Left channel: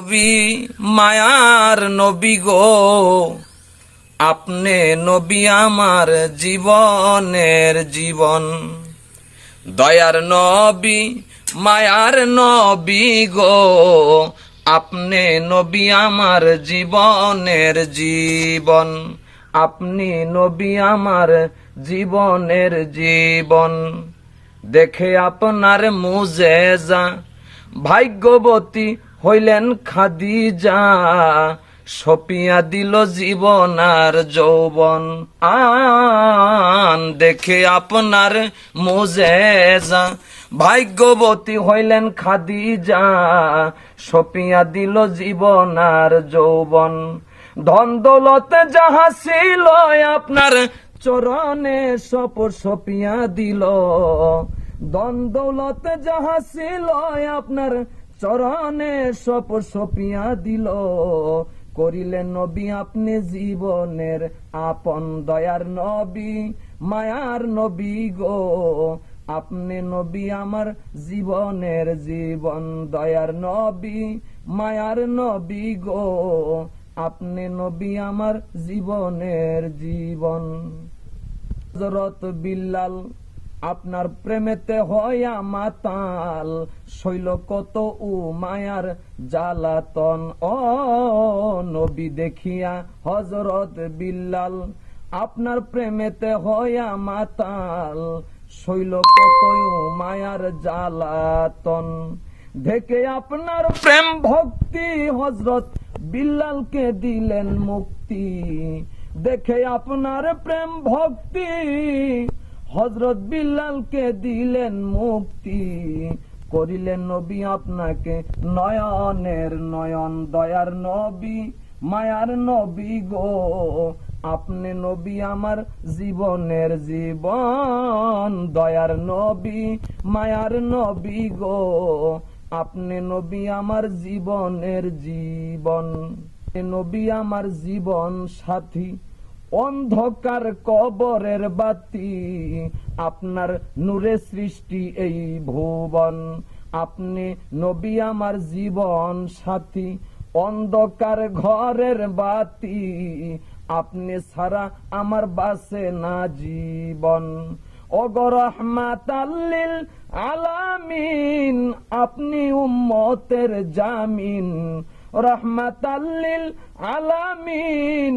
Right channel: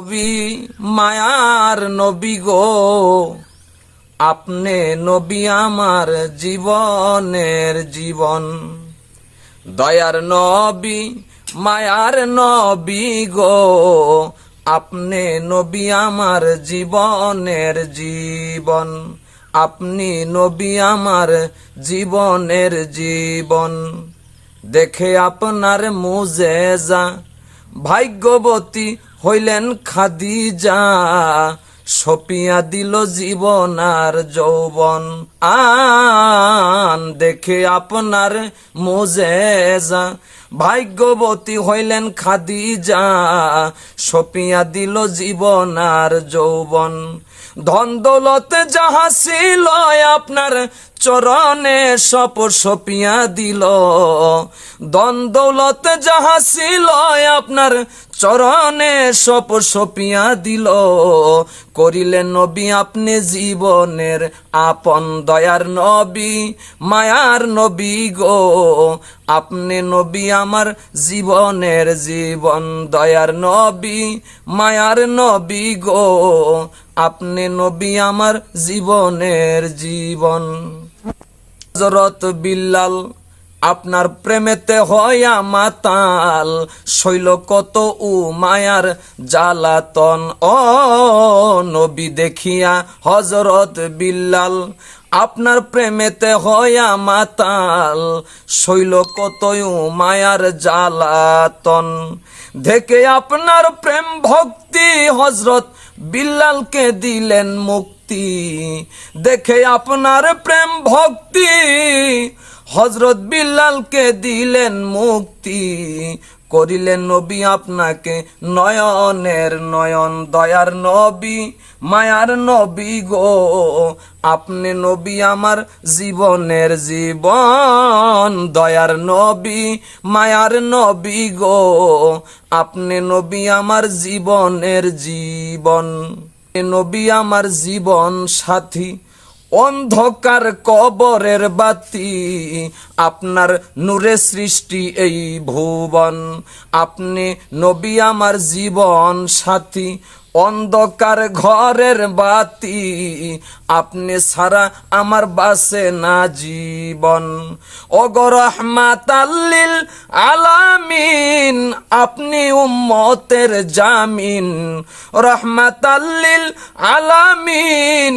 নবী মায়ার নবী গো, আপনি নবী আমার জীবনের জীবন। দয়ার নবী মায়ার নবী গো, আপনি নবী আমার জীবনের জীবন। আপনি নবী আমার জীবনের জীবন। দেখে আপনার মুজেজা ভাগ্যবতী হইলেন খাদিজা, সপিয়া দিল জীবন আর যৌবন। দেখে আপনার মুজেজা ভাগ্যবতী হইলেন খাদিজা, সপিয়া দিল জীবন আর যৌবন। ধন দৌলত যাহা ছিল আপনার চরণে সপ সপিয়া দিল। ধন দৌলত যাহা ছিল আপনার চরণে সপ সপিয়া দিল। করিলেন নবী আপনি জীবনের আপন। দয়ার নবী মায়ার নবী গো, আপনি নবী আমার জীবনের জীবন। দয়ার নবী মায়ার নবী গো, আপনি নবী আমার জীবনের জীবন। হযরত বিল্লাল আপনার প্রেমেতে হইয়া মাতাল, শৈল কত উ মায়ার জ্বালাতন। ও নবী দেখিয়া হযরত বিল্লাল আপনার প্রেমেতে হইয়া মাতাল, শৈল কত উ মায়ার জ্বালাতন। দেখে আপনার প্রেম ভক্তি হযরত বিল্লালকে দিলেন মুক্তি। দেখে আপনার প্রেম ভক্তি হযরত বিল্লালকে দিলেন মুক্তি। করিলেন নবী আপনাকে নয়নের নয়ন। দয়ার নবী মায়ার নবী গো, আপনি নবী আমার জীবনের জীবন। দয়ার নবী মায়ার নবী গো, আপনি নবী আমার জীবনের জীবন। নবী আমার জীবন সাথী, অন্ধকার কবরের বাতি, আপনার নূরে সৃষ্টি এই ভুবন। আপনি নবী আমার জীবন সাথী, অন্ধকার ঘরের বাতি, আপনি ছাড়া আমার বাসে না জীবন। ওগো রাহমাতাল লিল আলামিন, আপনি উম্মতের জামিন। রাহমাতাল লিল আলামিন,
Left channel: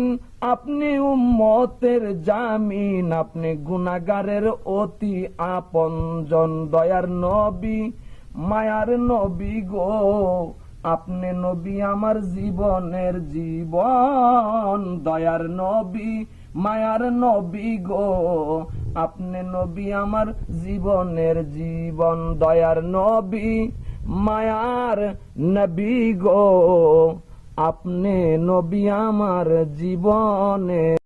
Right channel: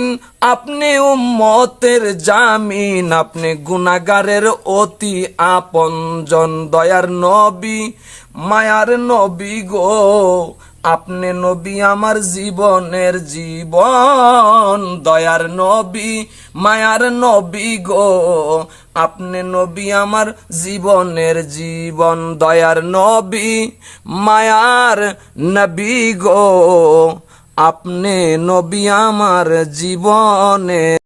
আপনি উম্মতের জামিন। আপনি গুনাহগারের অতি আপনজন। দয়ার নবী মায়ার নবী গো, আপনি নবী আমার জীবনের জীবন। দয়ার নবী মায়ার নবী গো, আপনি নবী আমার জীবনের জীবন। দয়ার নবী মায়ার নবী গো, আপনি নবী আমার জীবনের